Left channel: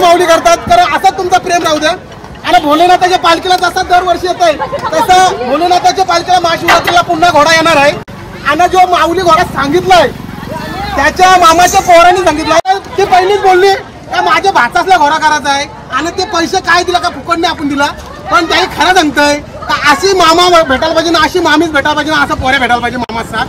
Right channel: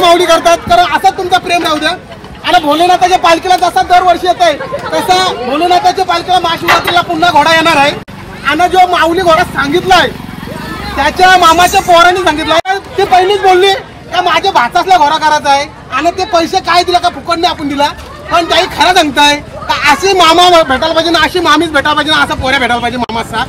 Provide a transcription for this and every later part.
माऊली करतात, कारण असं तुमचा प्रेम राहू द्या। आणि भोलेनाथाच्या पालखीला जसा दरवर्षी येत आहे तसा भोलेनाथाच्या पालखीला महाशिवरात्रीला पुन्हा घोडा येणार आहे। आणि जो माऊली घोडा सांगितलाय त्याच्या मामाच्या पोरांनी सांगितलं, ते पहिलीच बोलली का माझ्या भाचासला घोडा करायचा आहे आणि ते पैसे काय दिला का फुकटने आपण दिला, पण त्याही खरं सांगताय का अशी मामा भेटायला पाहिजे ना, अशी मामीच भेटायला पाहिजे ना, असं पोऱ्या भेटायला पाहिजे मामाचा।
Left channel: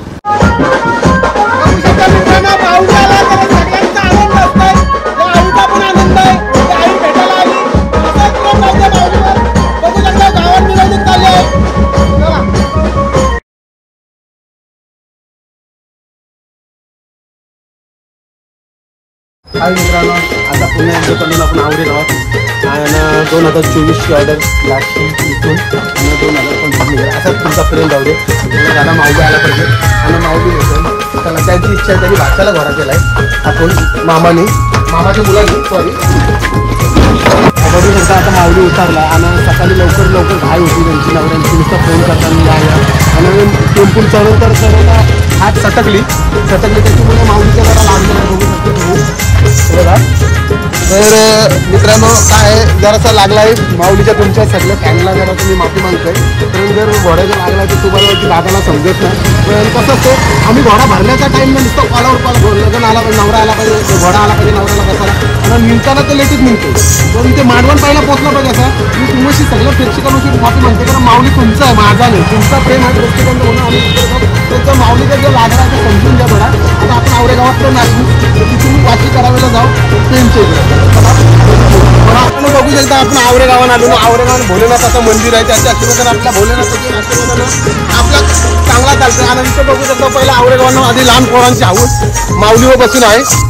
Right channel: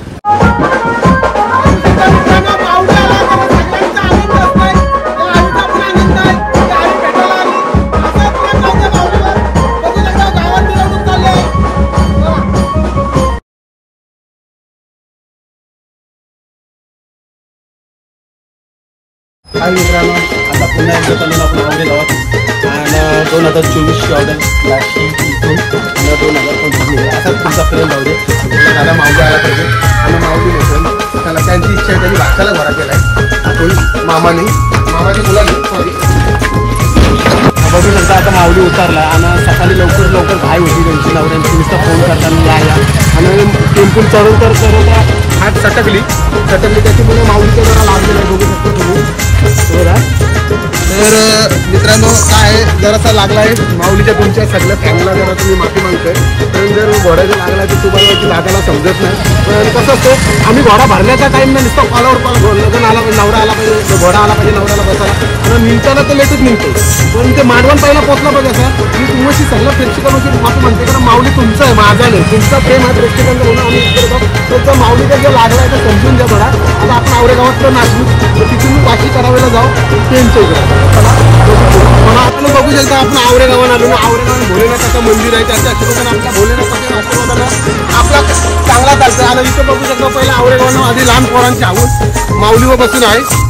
हाय मित्रांनो, आता पुन्हा एकदा करून आपण आवडे गावात आणि 2024ची ऑर्डर लागते इथून आणि 2025 असाच तुमचा प्रेम राहू दे। दादा माऊली आला पाहिजे आणि माऊली भेटून त्याला त्यांची इच्छा त्यांनी भाषाला घोडा केला आहे आपण मामाच्या मुलाने सॉरी बघू शकता। आता माऊली उतारला आणि सकाळी लवकर घाई होती त्यांची नवऱ्यांची, नुसतं फोन करताना या आणि टेम्पूल चढून तर हात सटकली त्याच्यामुळे माऊलीच्या घरा लागलेला बघू शकतो तुम्ही। तर मित्रांनो काय जरासा लागला आहे माऊलीच्या तुमच्या सगळ्या फॅनला जरा तुम्ही माफी मागतोय, कारण जर घोड्याला लागला तर तुम्हाला लागायला समजत नाही। पण कसं असतं आम्ही घोडा भरण्याच्या टाईम नाही नुसतं कॉलावर लग्न आला पाहिजे, नवरा आला पाहिजे, घोडा आला पाहिजे नवऱ्याला बसायला आणि निघताना तर लेटच निघतो, पण ते मांडवण पहिला पोचला पाहिजे असं मी तुमची सगळ्या प्रेक्षकांशी माफी मागते, कारण माऊली तुमचं आहे माझा नाही, तुमचा प्रेम आहे प्रेक्षकांचं म्हणून आम्ही करतो। तर माऊलीचा जे लागला आहे ते समजून घ्या थोडा। आता आपण आवडे गावात तर नाचू तर तिथून मी काशी करायला जाऊ त्यांच्या इकडे मला आपण बघू शकता। आपण आवरे गावात आलो ना, आवरे गावात भोलेनाथाचं मंदिर आहे, त्याच्या आशीर्वाद आपल्या भोलेनाथाची आपला चांगला चालतो। आणि इथं बघू शकतो पहिला आवरे गावानं आधी लहान पोरांची हाऊस माऊलीवर बसून आहे।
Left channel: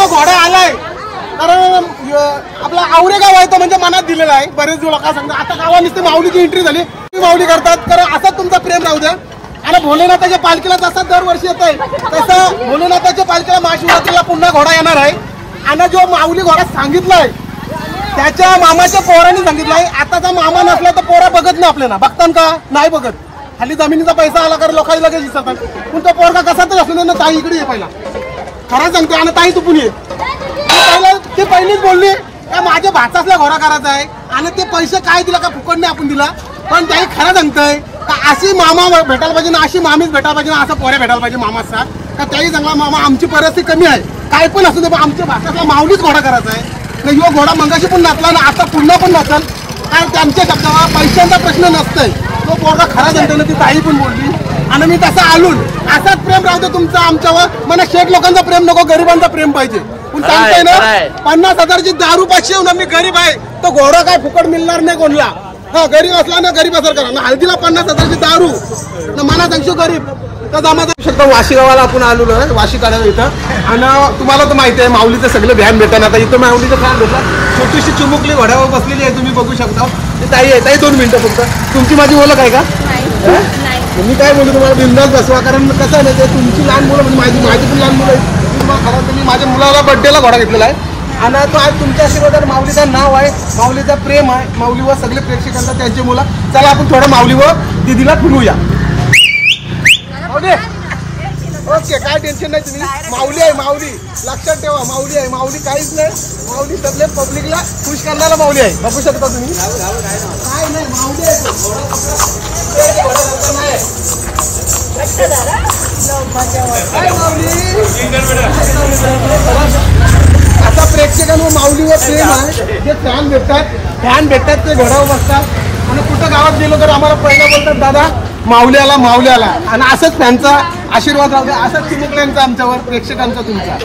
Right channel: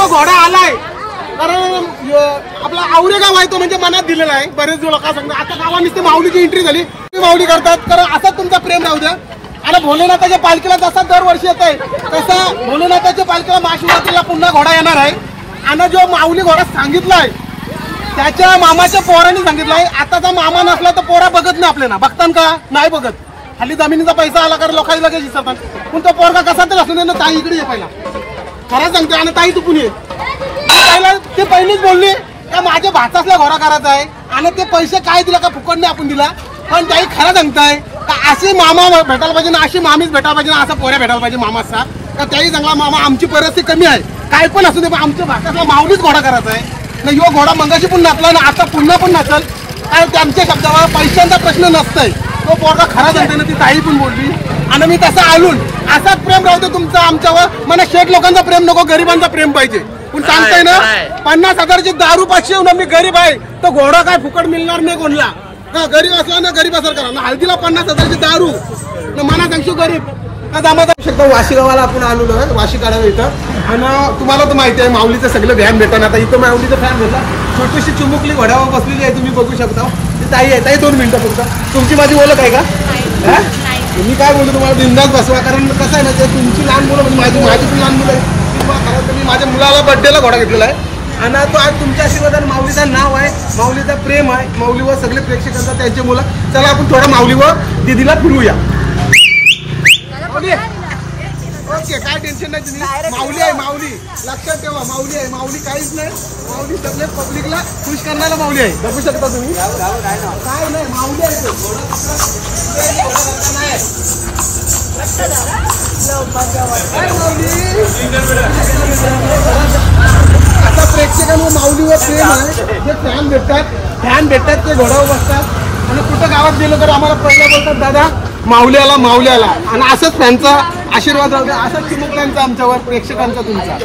जो घोडा आलाय, कारण आपला आवरे गाव आहे तो म्हणजे मनात दिलेला आहे. बरेच लोक काय सांगतात आता गावात नुसती माऊलीची एंट्री झाली, माऊली करतात. कारण असाच तुमचा प्रेम राहू द्या. आणि भोलेनाथाच्या पालखीला जसा दरवर्षी येत आहे तसा भोलेनाथाच्या पालखीला महाशिवरात्रीला पुन्हा घोडा येणार आहे. आणि जो माऊली घोडा सांगितलाय त्याच्या मामाच्या पोरांनी सांगितलंय. आताचा मामा नसला तर पोरा बघत नाही आपल्याला, बघतान का नाही बघत. खाली जमिनीचा पैसा आला कारण लोकांनी लगेच विसरतात. पण तो पोरगा कसा तर असू ना, ताई इकडे ये पहिला, खरं सांगते. आणि ताई तू पुणे ते पहिलीच बोलली का माझ्या भाचासला घोडा करायचा आहे. आणि ते पैसे काय दिला का फुकट नाही आपण दिला. पण ताई खरं सांगताय का अशी मामा भेटायला पाहिजे ना, अशी मामीच भेटायला पाहिजे ना, असा पोऱ्या भेटायला पाहिजे मामाचा. का त्याही चांगला मामा आमची परिस्थिती कमी आहे काय पण असू दे, पण आमच्या भाषातला माऊलीच घोडा करायचा आहे ना. यो घोडा मंगाशी पण नाचला ना, आता पुन्हा पण नाचाल. कारण त्यांच्या शब्दावर पैशांचा प्रश्न नसतोय. तो पोरगा खरा सांगतोय ना, ती ताई पण बोलली. आणि मी तसा आलून असाच प्रेम राहू दे तुमचा आमच्यावर. मला शेठ लोकांचा प्रेम नको, गरिबांचा प्रेम पाहिजे. पण सांगताय ना 50,000ची दारू पाचशे येऊन मी गरीब आहे, तो घोडा काय फुकट मिळणार नाही कोणला. हा गरीब असला ना गरीब असर करा ना, हळदीला 50,000ची दारू ना, मना सांगतो गरीब का जमाचा शकतो. वाशी गावाला आपण आलो आहे, वाशी काढा इथं. आणि तुम्हाला तर माहिती आहे माऊलीचं सगळं व्हॅन भेटणार. आता इथं माऊलीचं फॅन भेटला, छोटीशी चिमुकली घोड्यावर बसलेली आहे, तुम्ही बघू शकता. ती ताई आहे. ताई 2 मिनिटं फक्त. तुमची माझी ओळख आहे का? मी काय बोलतो तुम्हाला, बिंदास बसवा. कारण कसं आहे ना, ते तुमची लहान मुलं म्हणजे माझी पण लहान मुलं आहे. तुम्ही माझ्या मुलाला बर्थडेला घोडा घेतलेला आहे. आणि तो आज तुमच्या आशीर्वादाने माऊलीचं नाव आहे, माऊलीचा प्रेम आहे, माऊलीवर सगळे प्रेक्षकांचा त्यांची मुलं. चला आपण थोडं माऊलीवर दिदीला फिरूया. ओके काय टेन्शन नाही तुम्ही. माऊली आहे, माऊली लक्षात ठेवा. माऊली आहे, माऊली काहीच नाही. माऊली सगळे पब्लिकला खुश करणारा माऊली आहे. बघू शकता तुम्ही. काय नाही माऊली आहे तो. आता प्रेक्षकांवर माऊलीवर प्रेम आहे. जे फॅन भेटतात ते घोड्यावर बसतात. आणि कुठं गावात गेलो तर आम्हाला पहिला बोलतात दादा माऊल्याला माऊल्याला. आणि असंच फॅनचा आशीर्वाद राहू द्या, असंच चिमुकल्यांचा आमच्यावर प्रेक्षकांचा तुमचा.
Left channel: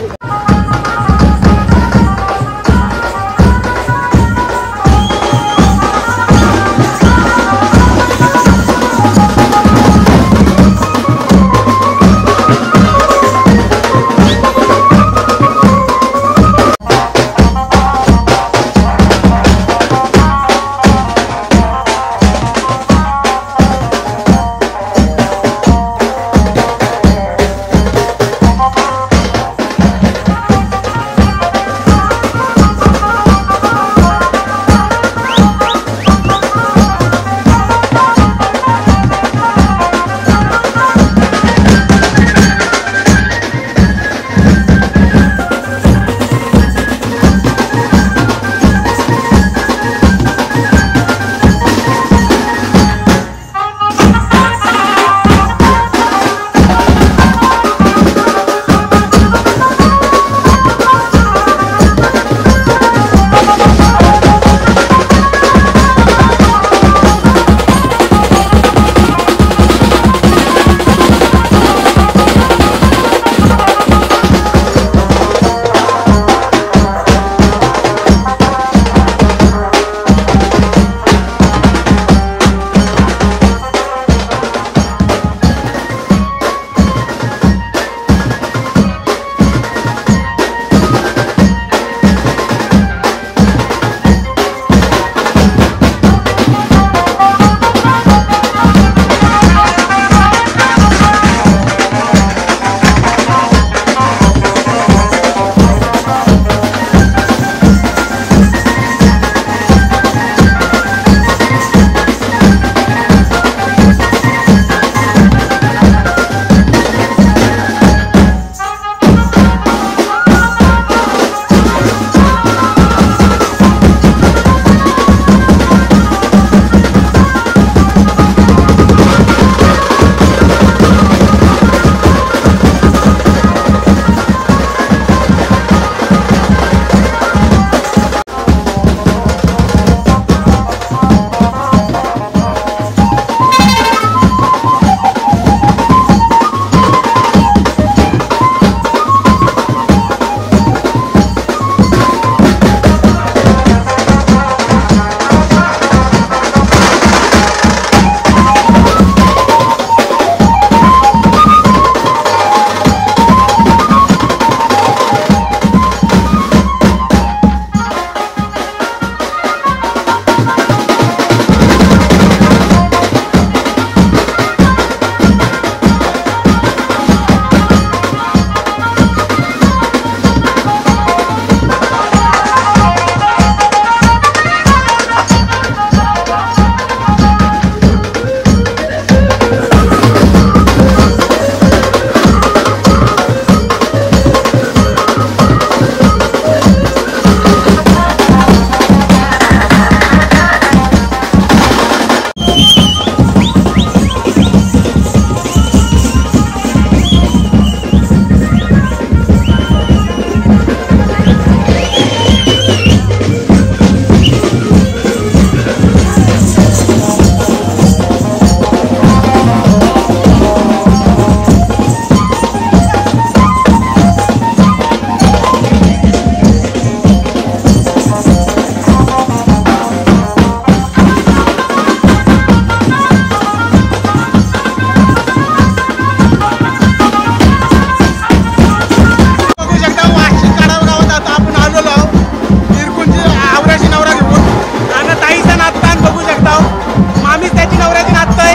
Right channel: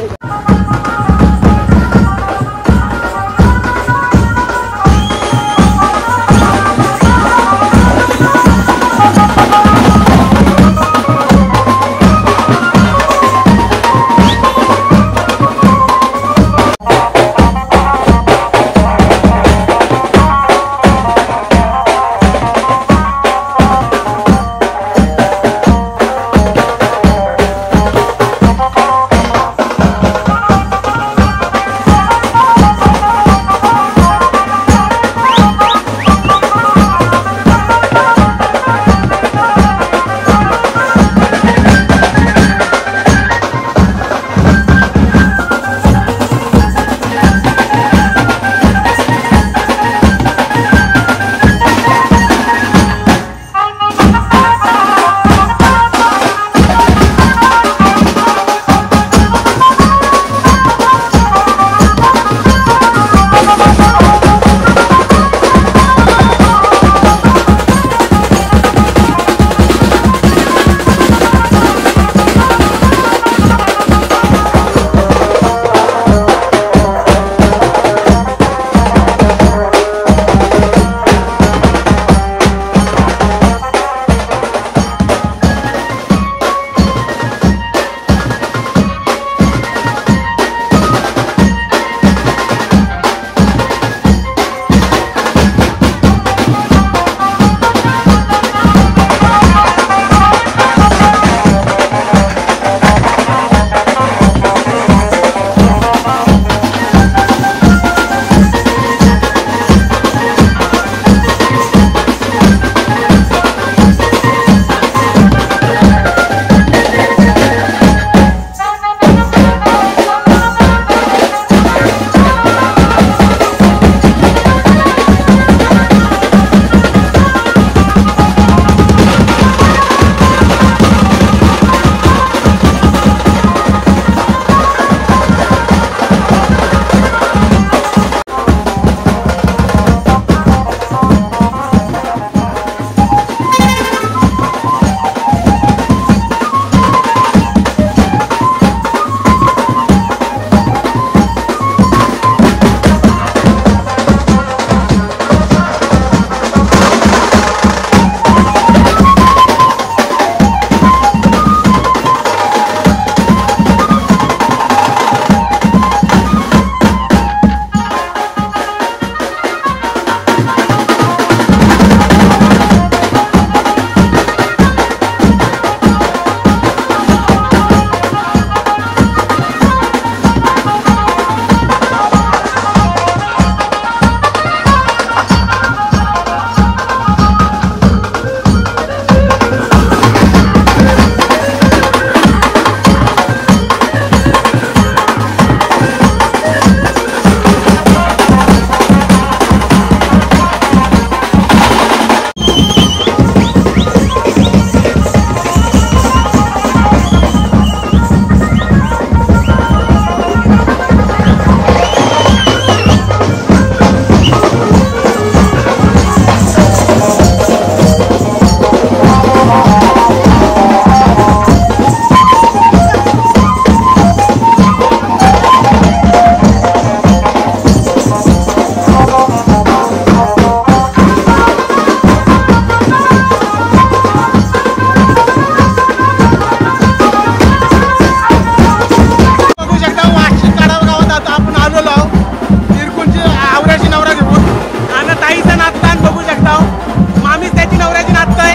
नवऱ्याची नाचतंय